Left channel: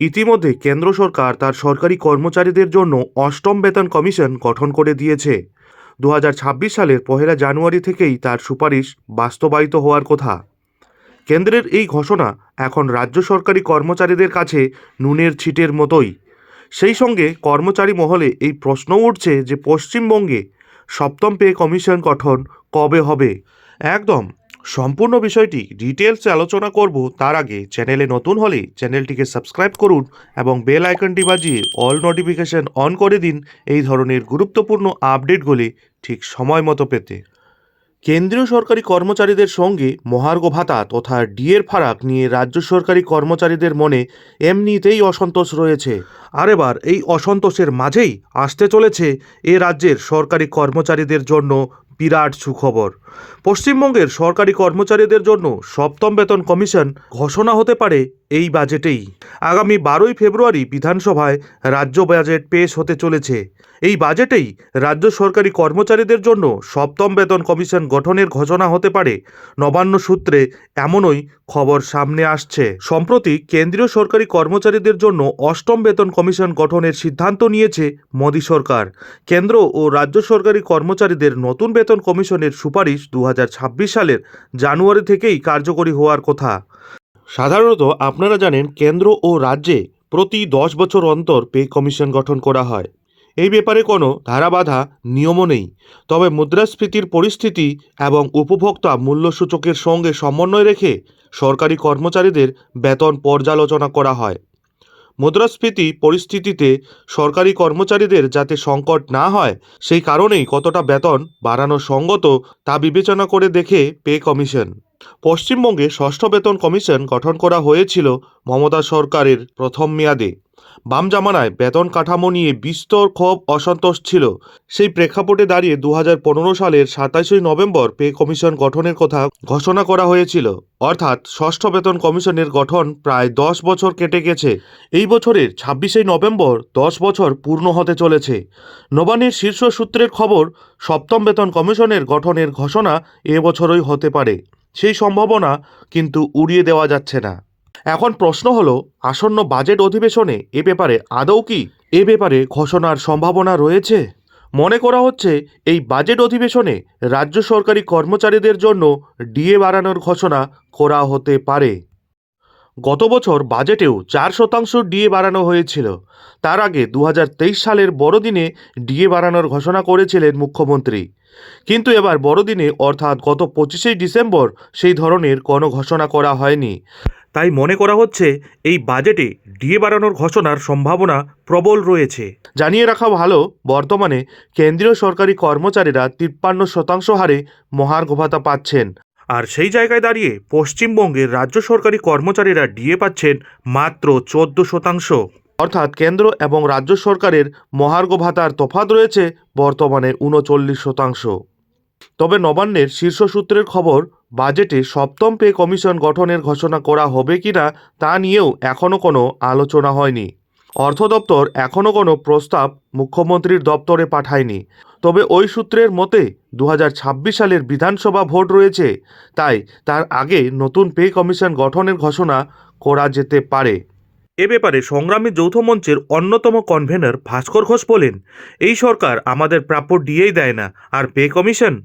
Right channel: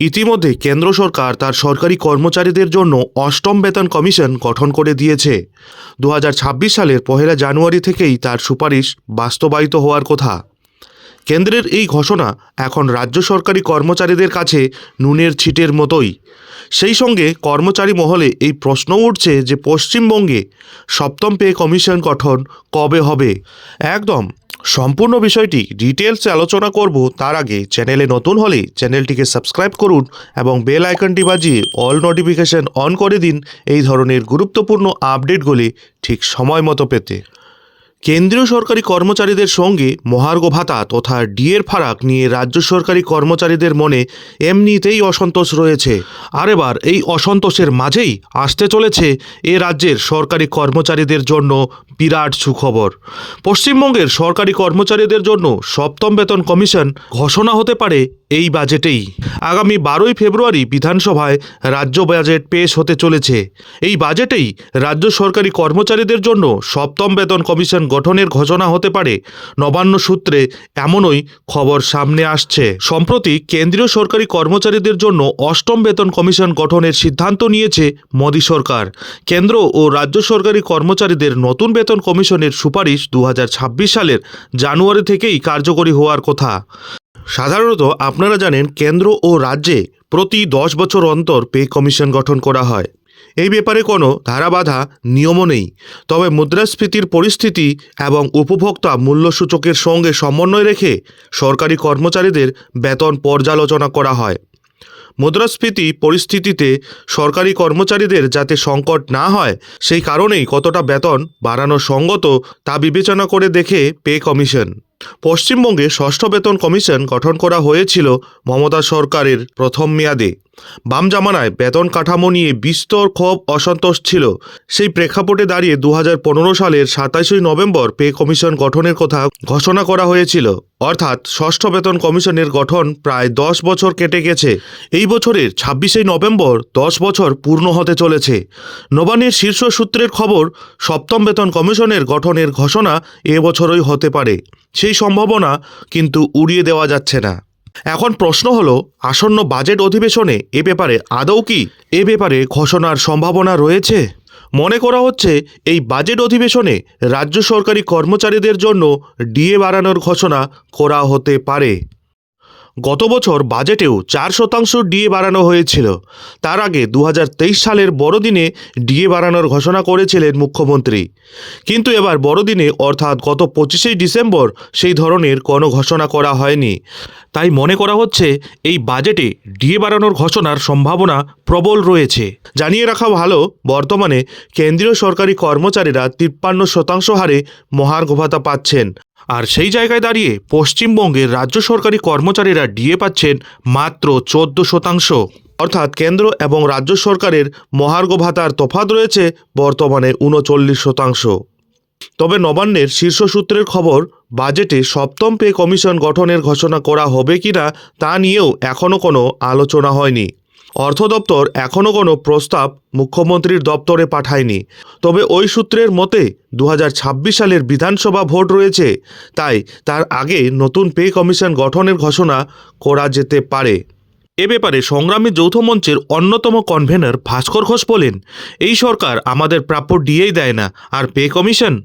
ইতিমধ্যে কেন্দ্র সরকার তার সরকারি কর্মচারীদের জন্য অষ্টম বেতন কমিশন গঠন করে দিয়েছে। দু হাজার ছাব্বিশ সালের পহেলা জানুয়ারি থেকেই তার সুপারিশ বাস্তবায়িত হওয়ার কথা। কেন্দ্রের এই ঘোষণা এখন রাজ্য সরকারি কর্মচারীদের কাছে নুনের ছিটের মতোই। সেই সঙ্গে কর্মচারী মহলে এই প্রশ্ন উঠছে যে পশ্চিমবঙ্গে সপ্তম পে কমিশন গঠন কবে হবে? একদম সম্পূর্ণ বিষয়টি ডিটেলসে আলোচনা করব তার আগে চ্যানেলে নতুন হলে চ্যানেলটিকে সাবস্ক্রাইব করুন এবং বেল আইকনটি বাজিয়ে অল নোটিফিকেশন অন করে দিন এই ধরনের গুরুত্বপূর্ণ আপডেটগুলি ঠিক সময় মতো পেতে। কেন্দ্রীয় সরকারি কর্মচারীদের সঙ্গে মহার্ঘ ভাতা তথা ডিএর ফারাক নিয়ে রাজ্য সরকারি কর্মচারীদের মনে এমনিতেই অসন্তোষ রয়েছে। আর এবার এই অসন্তোষের মাঝেই আসতে চলেছে এ রাজ্যের সরকারি কর্মচারীদের জন্য বিরাট সুখবর। পশ্চিমবঙ্গের সরকারি কর্মচারীদের জন্য সপ্তম বেতন কমিশন ঘোষণা হতে পারে এই বাজেটেই। আগামী বারোই ফেব্রুয়ারি বিধানসভায় রাজ্য বাজেট পেশ হতে চলেছে। এই বাজেটেই রাজ্য সরকারি কর্মচারীদের জন্য সপ্তম বেতন কমিশন গঠনের ঘোষণা হতে পারে। নবান্ন সূত্রে এমনই খবর সামনে আসছে। সম্প্রতি কেন্দ্রীয় সরকারি কর্মচারীদের জন্য অষ্টম বেতন কমিশন গঠনের সিদ্ধান্ত নিয়েছে মোদী সরকার। কেন্দ্র ও রাজ্য সরকারি কর্মচারীদের নতুন বেতন কমিশনের সুপারিশ দু হাজার ছাব্বিশ সালের জানুয়ারি থেকেই কার্যকরী হওয়ার কথা। সাধারণত আপনারা জানেন, কেন্দ্র ও রাজ্যে প্রতি দশ বছর অন্তর পে কমিশন গঠন করা হয়। এই ব্যাপারে কোনো ধারাবাধা নিয়মও নেই। তবে মুদ্রাস্ফীতির পরিস্থিতি এবং উপভোক্তা মূল্যসূচকের সঙ্গে সমন্বয় রেখে সরকারি কর্মচারীদের বেতন পর্যালোচনা করা হয়। মুদ্রাস্ফীতি পরিস্থিতিতে সরকারি কর্মচারীদের যাতে সংকট না হয়, সেই কারণেই কতটা বেতন বাড়ানো সঙ্গত তা বিবেচনা করে দেখে পে কমিশন। পশ্চিমবঙ্গে ষষ্ঠ বেতন কমিশন গঠন করা হয়েছিল মমতা সরকারের প্রথম মেয়াদে। বাম জামানায় বেতন কাঠামো নিয়ে বিস্তর ক্ষোভ, অসন্তোষ ছিল। সেই প্রেক্ষাপটে দাঁড়িয়ে দু হাজার পনেরো সালের সাতাশই নভেম্বর পে কমিশন গঠনের কথা ঘোষণা করা হয়েছিল। অর্থাৎ ষষ্ঠ বেতন কমিশনের গঠন প্রায় দশ বছর কেটে গেছে। এই বছরের ছাব্বিশে নভেম্বর দশ বছর পূর্ণ হতে চলেছে। নবান্নের শীর্ষ সূত্রের খবর, সপ্তম বেতন কমিশনের গঠনের ঘোষণা এবছরই হতে পারে। সেই সম্ভাবনা কিন্তু উড়িয়ে দেওয়া যাচ্ছে না। এখন প্রশ্ন হলো, আসন্ন বাজেট অধিবেশনে এ ব্যাপারে আদৌ কি এ ব্যাপারে ঘোষণার সম্ভাবনা রয়েছে? মনে করা হচ্ছে, এই বাজেট অধিবেশনে রাজ্য সরকারি কর্মচারীদের জন্য ডিএ বাড়ানোর ঘোষণা করা হতে পারে। গত বছর বাজেটেও চার শতাংশ ডিএ বাড়ানো হয়েছিল। তার আগে দু হাজার তেইশ সালের বড়দিনে ডিএ বাড়ানোর ঘোষণা করেছিলেন মুখ্যমন্ত্রী। কিন্তু এবার বড়দিনে, অর্থাৎ গত পঁচিশে ডিসেম্বর, সেই ধরনের কোনো ঘোষণা করা হয়নি। তাই মনে করা হচ্ছে, এই বাজেটে ডিএ বাড়ানোর ঘোষণার সম্ভাবনা প্রবল রয়েছে। জানিয়ে রাখা ভালো, বর্তমানে কেন্দ্রীয় সরকারি কর্মচারীরা তিপ্পান্ন শতাংশ হারে মহার্ঘ ভাতা পাচ্ছেন। আর সেই জায়গায় দাঁড়িয়ে পশ্চিমবঙ্গের রাজ্য সরকারি কর্মচারীরা ডিএ পাচ্ছেন মাত্র চোদ্দ শতাংশ। অর্থাৎ কেন্দ্র এবং রাজ্য সরকারের মহার্ঘ ভাতার তফাত রয়েছে বর্তমানে উনচল্লিশ শতাংশ। তবে নবান্নের শীর্ষ সূত্রের খবর, বাজেটে সপ্তম পে কমিশন গঠনের ঘোষণা করা হবে কিনা তা নিয়েও এখনও কোনো আলোচনা হয়নি। অর্থ দপ্তর এখনও কোনো প্রস্তাব মুখ্যমন্ত্রীর দপ্তরে পাঠায়নি। তবে ওই সূত্রের মতে দু হাজার ছাব্বিশ সালের বিধানসভা ভোট রয়েছে, তাই তার আগে নতুন পে কমিশন গঠনের ঘোষণা করা যেতে পারে। এ ব্যাপারে সংগ্রামী যৌথ মঞ্চের অন্যতম কনভেনর ভাস্কর ঘোষ বলেন, এই সরকার আমাদের প্রাপ্য ডিএই দেয় না, আর পে কমিশন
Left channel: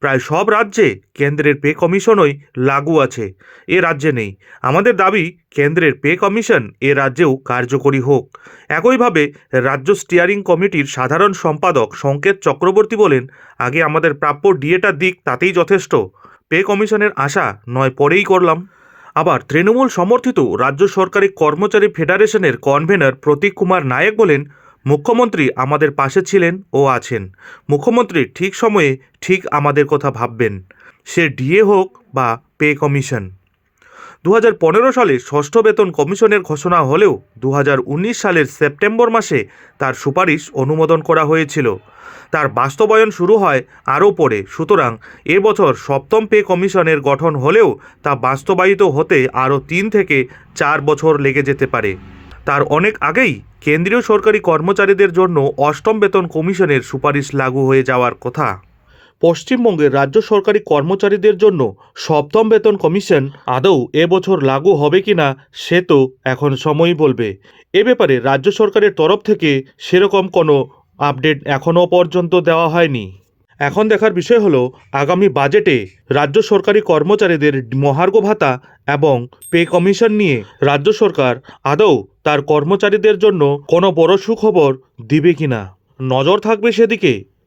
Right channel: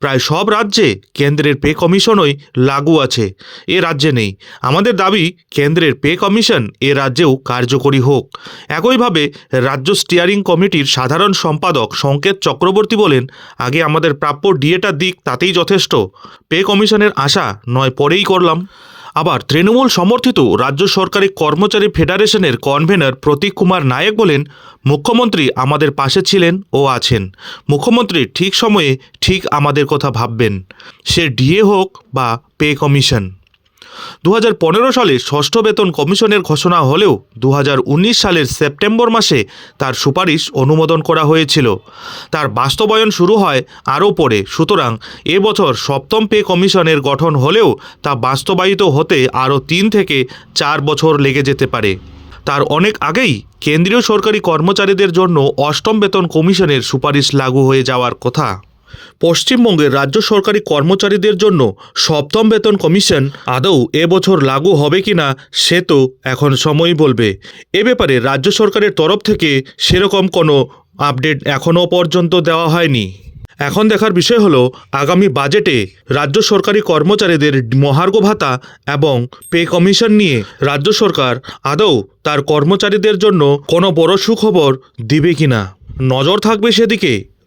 প্রায় সব রাজ্যে কেন্দ্রের পে কমিশনই লাগু আছে, এ রাজ্যে নেই। আমাদের দাবি, কেন্দ্রের পে কমিশন এ রাজ্যেও কার্যকরী হোক। একইভাবে রাজ্য স্টিয়ারিং কমিটির সাধারণ সম্পাদক সংকেত চক্রবর্তী বলেন, আগে আমাদের প্রাপ্য ডিএটা দিক তাতেই যথেষ্ট। পে কমিশনের আশা নয় পরেই করলাম। আবার তৃণমূল সমর্থিত রাজ্য সরকারি কর্মচারী ফেডারেশনের কনভেনর প্রতীক কুমার নায়ক বলেন, মুখ্যমন্ত্রী আমাদের পাশে ছিলেন ও আছেন। মুখ্যমন্ত্রী ঠিক সময়ে ঠিক আমাদের কথা ভাববেন। সে ডিএ হোক বা পে কমিশন। দু হাজার পনেরো সালে ষষ্ঠ বেতন কমিশনের ঘোষণা হলেও দু হাজার উনিশ সালের সেপ্টেম্বর মাসে তার সুপারিশ অনুমোদন করা হয়েছিল। তার বাস্তবায়ন শুরু হয় আরও পরে, সুতরাং এবছর সপ্তম পে কমিশনের গঠন হলেও তা বাস্তবায়িত হতে আরও তিন থেকে চার বছর লেগে যেতে পারে। তার অনেক আগেই কেন্দ্রীয় সরকারি কর্মচারীদের জন্য অষ্টম বেতন কমিশনের সুপারিশ লাগু হয়ে যাওয়ার কথা। পশ্চিমবঙ্গের রাজ্য সরকারি কর্মচারীদের জন্য সপ্তম বেতন কমিশন আদৌ এবছর লাগু হবে কি না সে তো এখন সময় বলবে। এ ব্যাপারে রাজ্য সরকারের তরফ থেকে সেরকম কোনো আপডেট এখনও পর্যন্ত দেওয়া হয়নি। এখন দেখার বিষয় হলো, আগামী বাজেটে রাজ্য সরকারি কর্মচারীদের মহার্ঘ ভাতা এবং পে কমিশন নিয়ে রাজ্য সরকার আদৌ তার কর্মচারীদের জন্য কোনো বড় সুখবর দিবে কিনা। নজর থাকবে সেদিকে।